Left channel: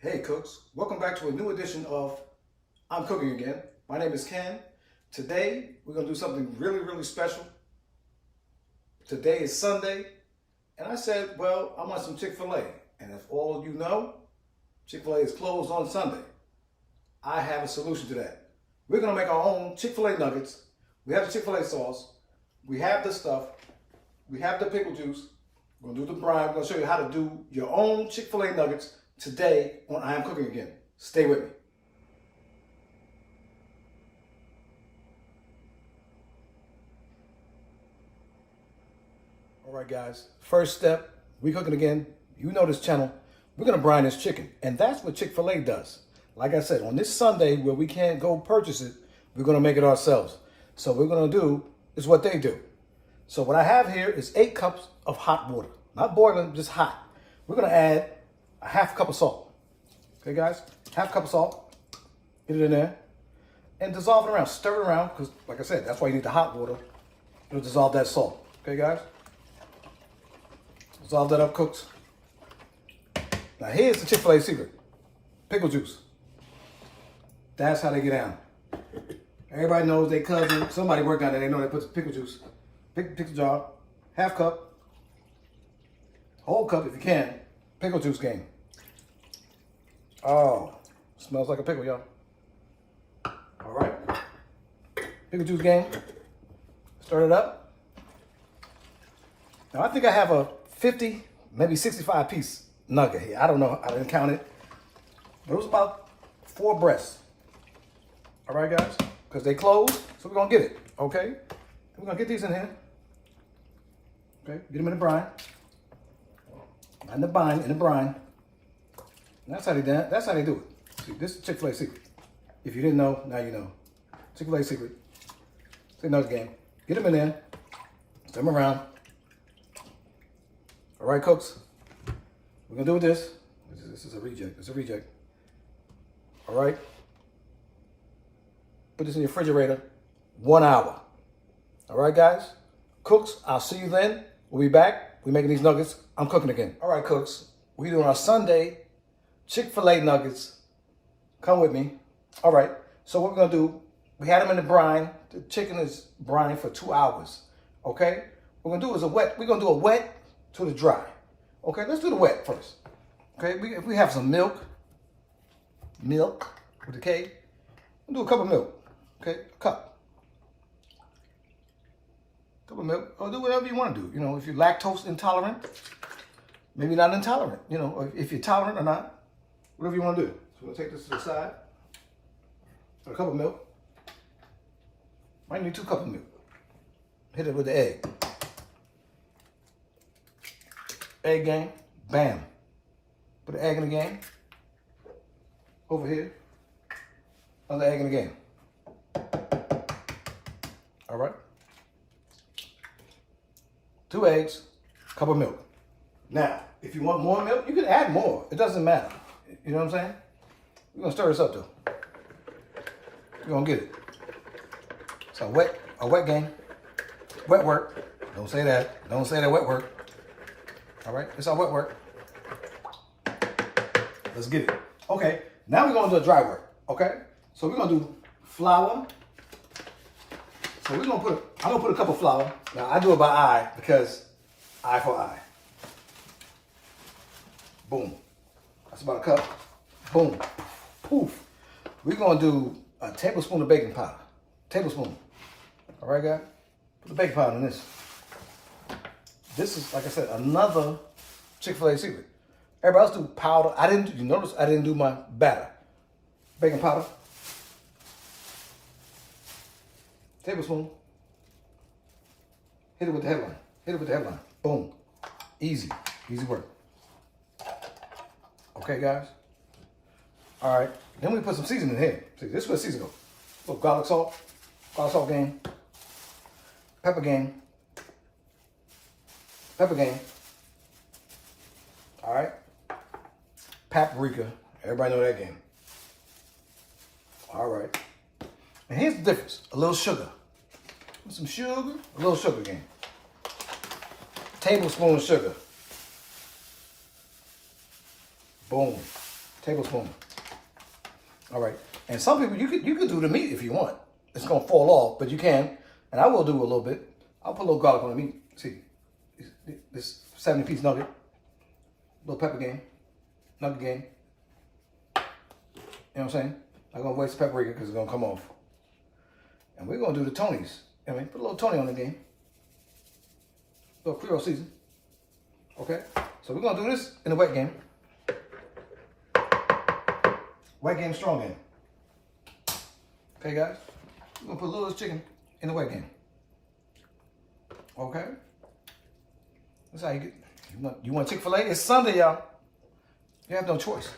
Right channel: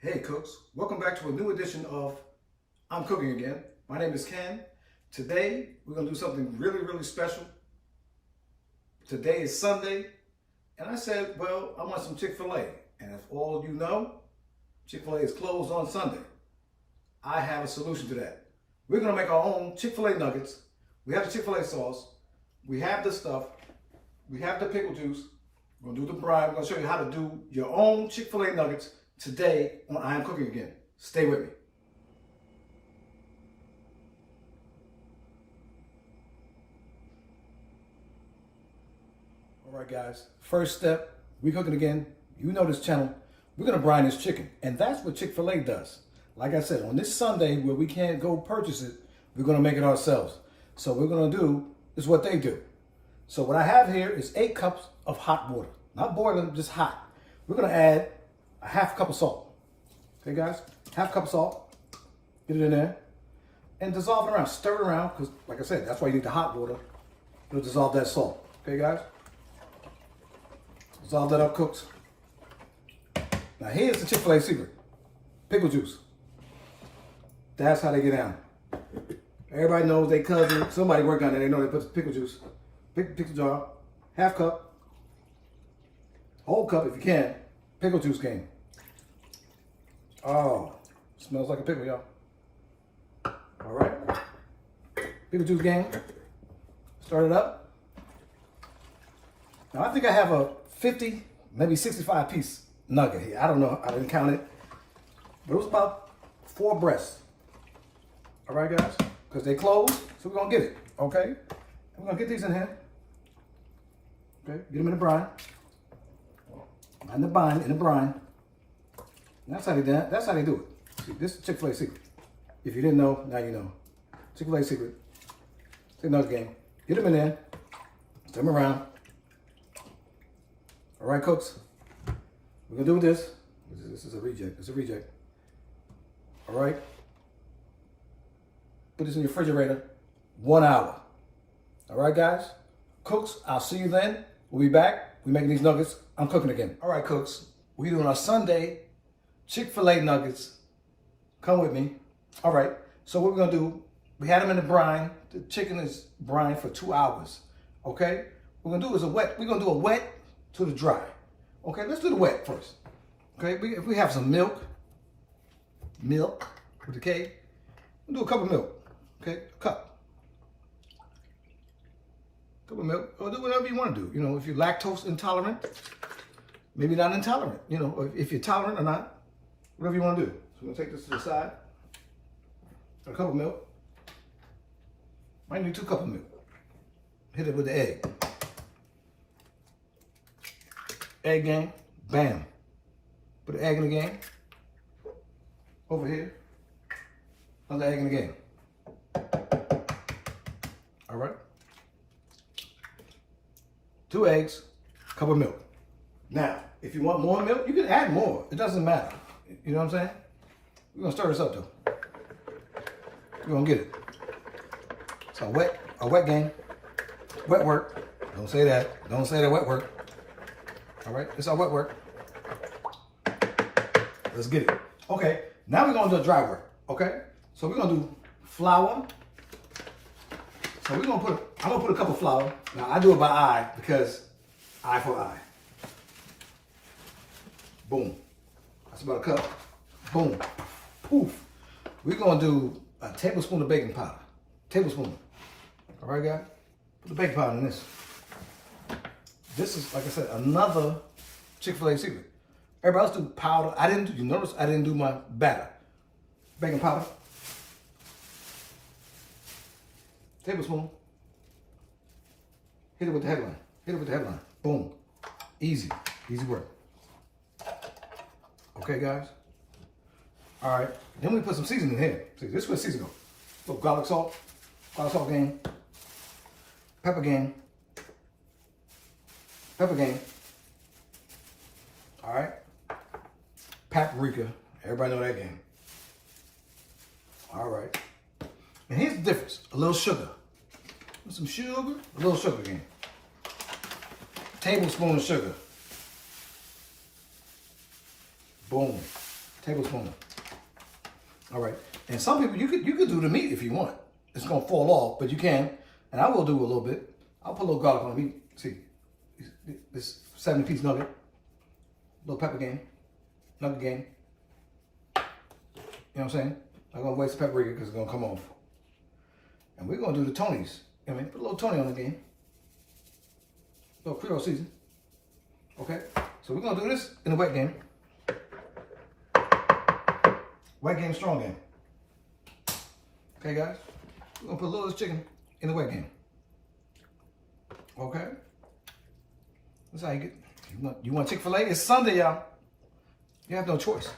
Hey cooks, welcome back to a new edition of I'm Cooking Again. My name is Ken. Today we're going to do something really special. Today is Sunday and I said, well, I want some Chick-fil-A. And if all of you know, Chick-fil-A is closed on Sunday. I have a solution to that. We're going to make our own Chick-fil-A Nuggets. We have the Chick-fil-A sauce. We have the stuff. We have the pickle juice. We're going to do the brine. We're going to show you how to do your own Chick-fil-A Nuggets today on I Am Cooking Again. Stay with me. All right, guys. First step, we cooking again. You know this channel. We're going to brine this chicken. And that's what Chick-fil-A does. Like I said, on this Sunday where we can't go purchase it, we're going to make it ourselves. So what we're going to do is what they do. So what I have here is 8 cups of hot water. Not boiling, just hot. We're going to add a half cup of salt. Okay, guys? Half cup of salt. Get it in there. And dissolve it around. Stir it around, because, like I said, that's why you need the hot water. It'll dissolve that salt. Okay, guys? Dissolve that up, cooks. Now, here's the Chick-fil-A secret. Pickle juice. That's how they get down. Everybody knows they cousin. Somebody worked on it. They know they put the pickle juice. Pick the jar. Half cup. Whole cup if you can. Pickle juice game. Oh, smells like a pickle, y'all. All right. Pickle juice game. Start it up. Now, I think I have a 50, maybe 65 piece nugget here. I don't know. I didn't count it. But it was about 4 breasts. All right, guys? Because they closed, so we're going to get it. Okay? And we're going to get these in here. Okay? Get them in the brine. Not in the brine, in the brine. And that's how they do it. That's how they do it. See, this is Chick-fil-A secret. If you didn't know, now you know. Chick-fil-A secret. It's another game. Get them in there. Stir them around. All right, cooks. We're going to do with this. This is a reject. It's a reject. All right. Put this in your refrigerator. 1 hour. All right, guys? Cooks, I'll see you then. We'll be back. We're making these nuggets. I'm cooking again. All right, cooks. We're doing our Sunday Chick-fil-A nuggets. Come with me. All right. So what we're going to do, we had them in the brine. The chicken is brine for 2 hours. Okay? What we're going to do is we're going to do a wet to the dry. Okay? Let's do the wet first. Okay? If we have some milk with the K, we'll do a cup of milk. Okay? A cup. Cup of milk, or do whatever you want to do. You know, if you're lactose intolerant, maybe not intolerant, you know, or if you're tolerant or not, whatever you want to do. So we're going to take this to the side. A cup of milk. Might need 2 cups of milk. Hit it with the egg. Egg game, bam. Put the egg in the game. Over here. Another egg in the game. All right. 2 eggs, cup of milk. Now, if you want more milk, you can add more. It doesn't matter. You know what I'm saying? We're going to stir this up, though. We're going to get it. It's a wet game. Wet work. Don't say that. Don't say that wet work. All right? It's our wet work. Let's get it. Okay. Now we're going to do a dry work. Okay? So we're going to do flour. So I'm going to put a cup of flour. Now I do it by eye because eye for eye. Boom. That's about a cup. Boom. Poof. We're going to do a tablespoon of baking powder. Tablespoon. All right, guys? Put the baking powder in this. This is, like I said, another Chick-fil-A secret. Everybody else do powder. You notice I didn't do my batter. Baking powder. Tablespoon. Hit it with the headline. Hit it with the headline. Boom. Easy. Easy work. Okay, guys? All right. Then we put some seasoning in here. See, this is where seasoning goes. A little garlic salt game. Pepper game. Pepper game. All right. Paprika. Everybody know that game. All right. And here's the difference. A little sugar. Some sugar, a little sugar game. Tablespoon of sugar. Boom. Tablespoon. All right. And some people, you could do the meat if you want. It's going to fall off, but you can. And I will do a little bit. I'll put a little garlic on the meat. See, this 70-piece nugget. Little pepper game. Nugget game. You know what I'm saying? I'm going to waste the paprika because it's going to come off. And we're going to do the Tonys. I mean, put a little Tony on the game. A little Creole season. Okay? So we're going to do this in the wet game. Wet game, strong game. Okay, guys? We're going to put a little of this chicken in the wet game. Okay? That's how you get. You want Chick-fil-A? It's Sunday, y'all. You have no choice.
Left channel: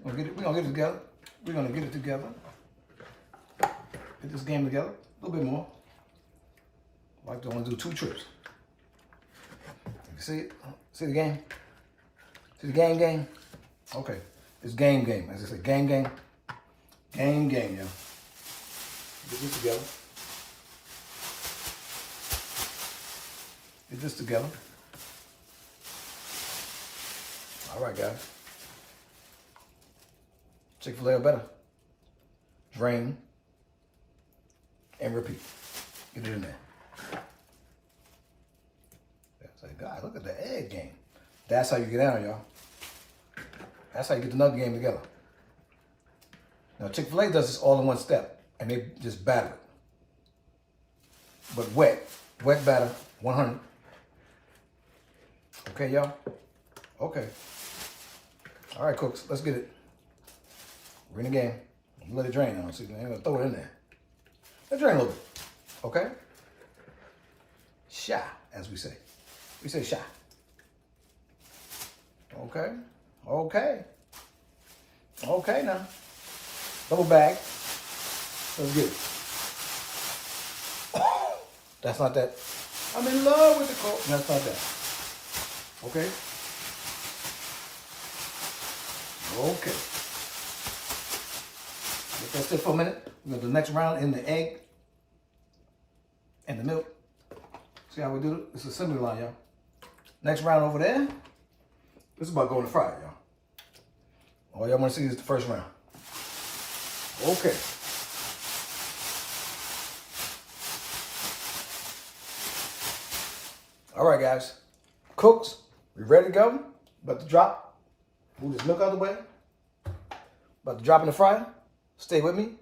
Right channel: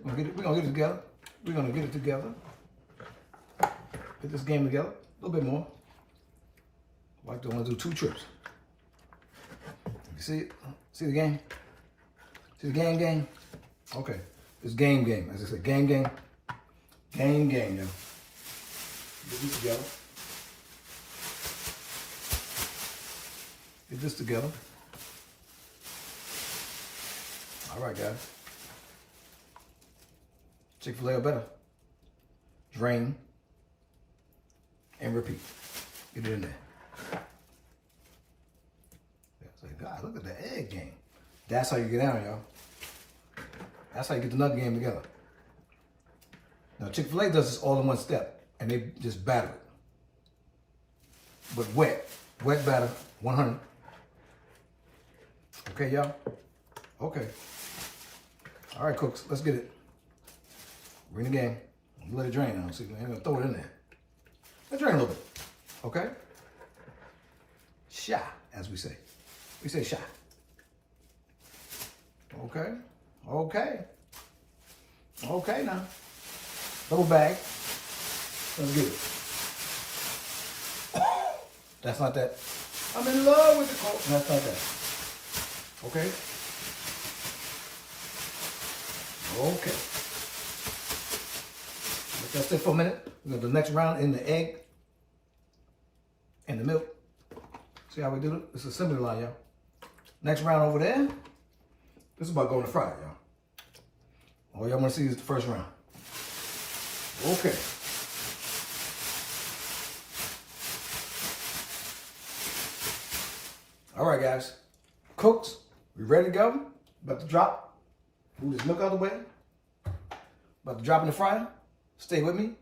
We're going to get it together. We're going to get it together. Get this game together. A little bit more. I don't want to do 2 trips. You see it? See the game? See the game? Okay. It's game. As I said, game. Game, yo. Get this together. Get this together. All right, guys. Chick-fil-A or better. Drain and repeat. Get it in there. It's like, God, look at the egg game. That's how you get down, y'all. That's how you get the nugget game together. Now, Chick-fil-A does this all in one step, and they just batter it. But wet batter, 100. Okay, y'all? Okay. All right, cooks, let's get it. We're in the game. I'm gonna let it drain on. See, I'm gonna throw it in there. Let it drain a little bit. Okay? Shy, as we say. We say shy. Okay. Okay now. Double bag. Let's get it. That's not that. I'm in love with the Coke. That's not that. Okay? Okay. Let that sit for a minute. We're going to do the next round in the egg and the milk. See how we do it? It's a assembly line, y'all. Next round over there. This is about going to fry it, y'all. All y'all want to see is the first round. Okay. All right, guys. Cooks, we ready to go? About to drop. Move this milk out of the way. About to drop in the fryer. Stay with me.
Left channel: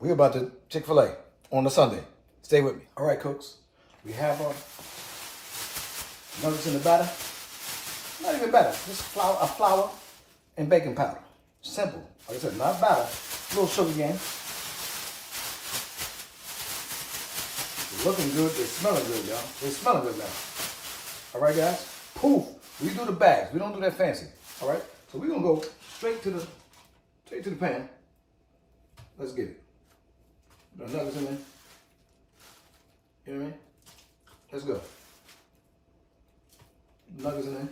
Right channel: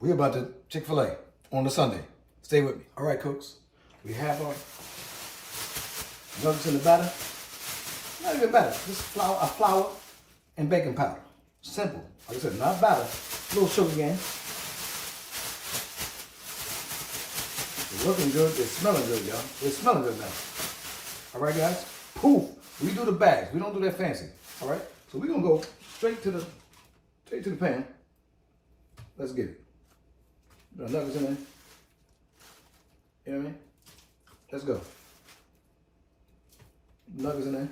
We're about to Chick-fil-A on the Sunday. Stay with me. All right, cooks. We have our nuggets in the batter. Not even batter. Just flour and baking powder. Simple. Like I said, not batter. A little sugar game. It's looking good. It's smelling good, y'all. It's smelling good now. All right, guys. Poof. We do the bags. We don't do that fancy. All right. So we're gonna go straight to the pan. Let's get it. Put our nuggets in there. You know what I mean? Let's go. Nuggets in there.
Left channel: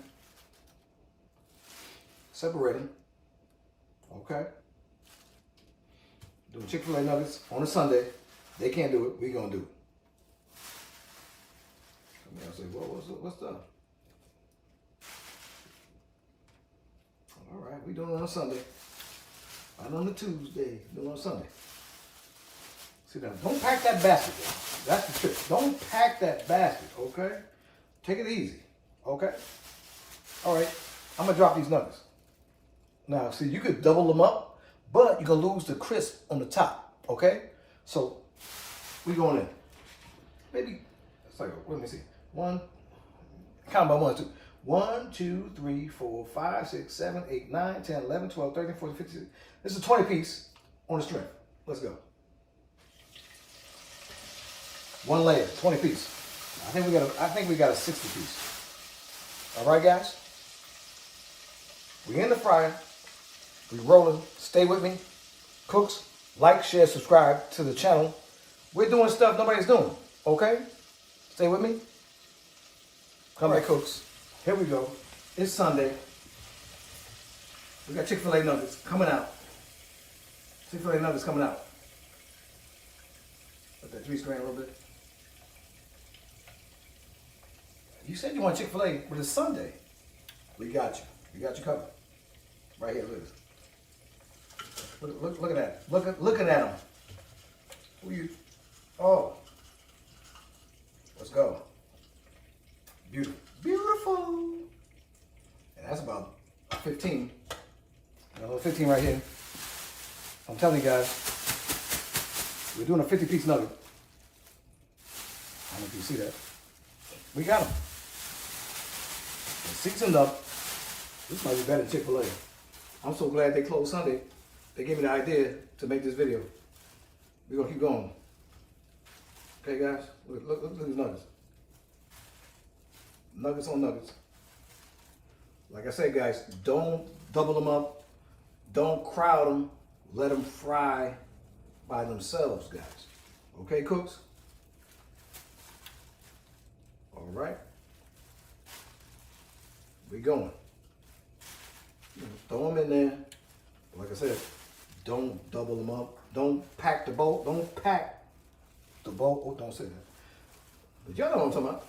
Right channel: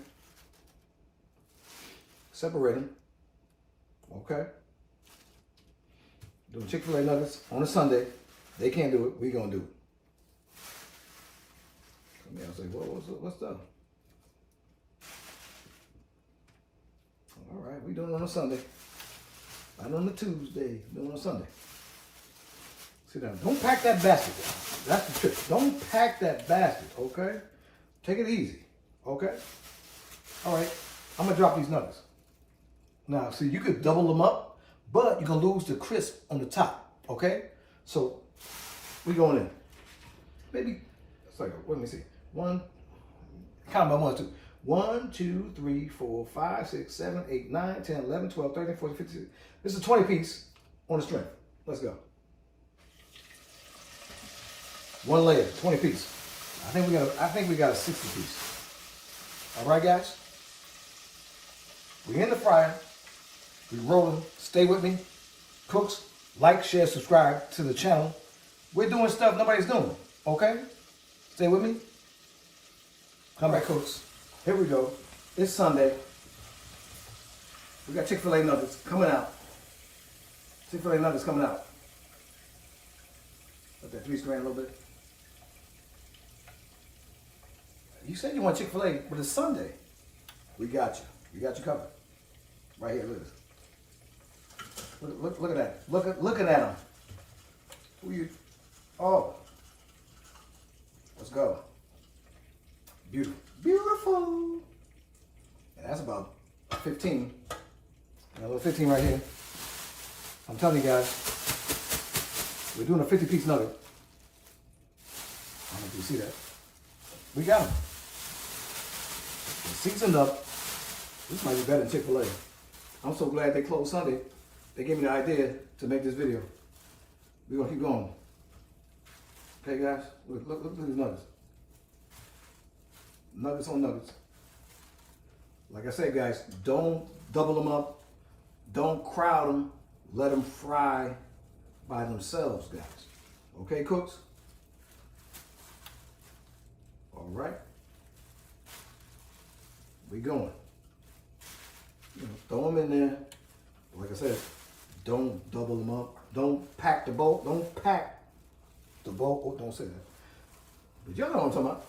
Separate them. Okay. Doing Chick-fil-A nuggets on a Sunday. They can't do it. We gonna do it. Come here and say, what's up? All right, we doing it on a Sunday. Not on a Tuesday. Doing it on a Sunday. Sit down. Don't pack that basket, y'all. That's the trick. Don't pack that basket, okay? Take it easy, okay? All right, I'm gonna drop these nuggets. Now, see, you could double them up, but you're gonna lose the crisp on the top, okay? So, we going in. Maybe, sorry, let me see. Count by 1, 2. 1, 2, 3, 4, 5, 6, 7, 8, 9, 10, 11, 12, 13, 14, 15. This is a 20 piece on the string. Let's go. One layer, 20 piece. I think we got a 60 piece. All right, guys. We in the fryer. We rolling. Stay with me. Cooks, like, share, subscribe to the channel. We're doing stuff nobody's doing. Okay? Stay with me. Come back, cooks. Here we go. It's Sunday. We got Chick-fil-A nuggets coming out. Chick-fil-A nuggets coming out. Let that grease grain a little bit. You said you want Chick-fil-A, but it's Sunday. We got you. We got you covered. Right here, look at this. Look at that. Looking at them. Who you? Oh. Let's go. Beautiful. Beautiful. And that's about 15. Got a little 15 right here. I'm telling you guys, we're doing a 50-piece nugget. I don't know if you see that. We got them. They're seasoned up. This might be better than Chick-Fil-A. I'm so glad they closed Sunday. They gave me the idea to make this video. We're gonna keep going. Okay, guys? Look at these nuggets. Nuggets on nuggets. Like I said, guys, don't double them up. Don't crowd them. Let them fry by themselves, guys. Okay, cooks? All right. We going. Throw them in there. Like I said, don't double them up. Don't pack the bowl. Don't pack the bowl. Oh, don't say that. But y'all know what I'm talking about.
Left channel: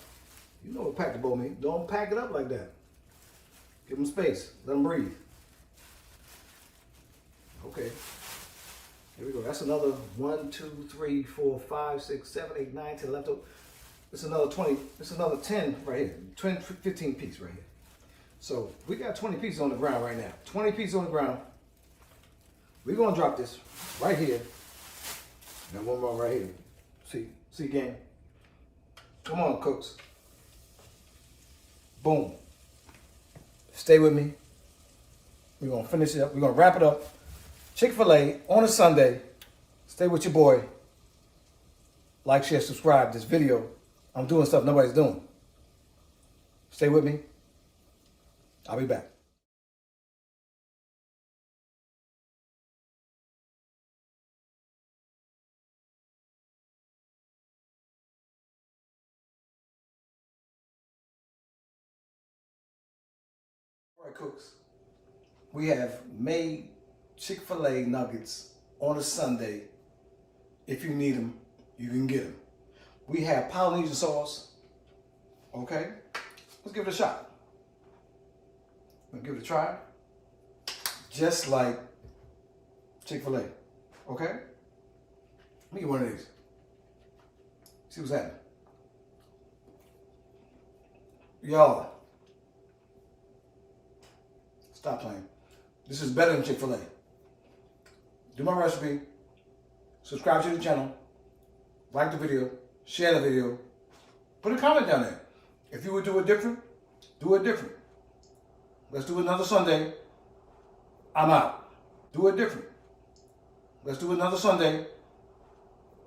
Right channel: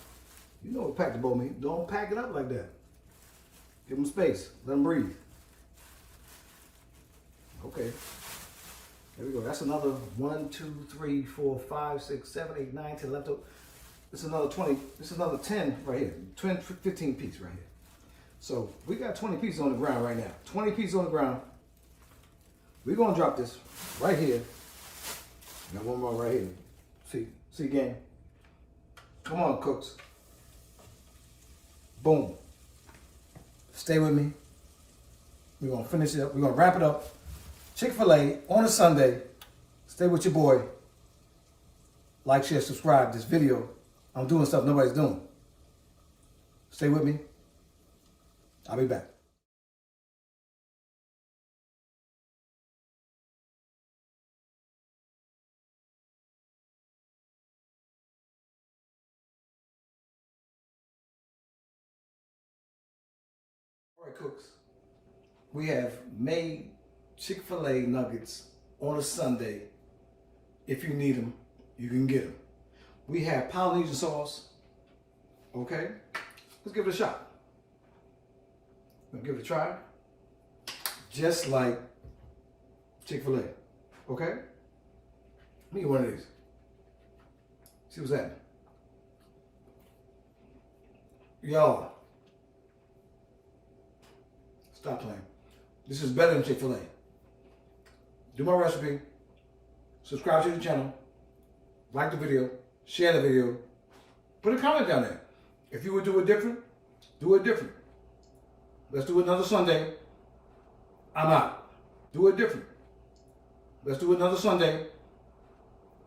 You know what pack the bowl means. Don't pack it up like that. Give them space. Let them breathe. Okay. Here we go. That's another 1, 2, 3, 4, 5, 6, 7, 8, 9, 10, 11, 12. It's another 20. It's another 10 right here. 15 pieces right here. So we got 20 pieces on the ground right now. 20 pieces on the ground. We're gonna drop this right here. Got one more right here. See again. Come on, cooks. Boom. Stay with me. We're gonna finish it up. We're gonna wrap it up. Chick-fil-A on a Sunday. Stay with your boy. Like, share, subscribe. This video, I'm doing stuff nobody's doing. Stay with me. I'll be back. All right, cooks. We have made Chick-fil-A nuggets on a Sunday. If you need them, you can get them. We have Polynesian sauce. Okay? Let's give it a shot. We'll give it a try. Just like Chick-fil-A. Okay? Let me get one of these. See what's happening. Y'all, stop playing. This is better than Chick-fil-A. Do my recipe. Subscribe to the channel. Like the video. Share the video. Put a comment down there. If you would do it different, do it different. Let's do it another Sunday. I'm out. Do it different. Let's do it another Sunday.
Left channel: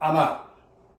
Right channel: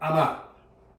I'm out.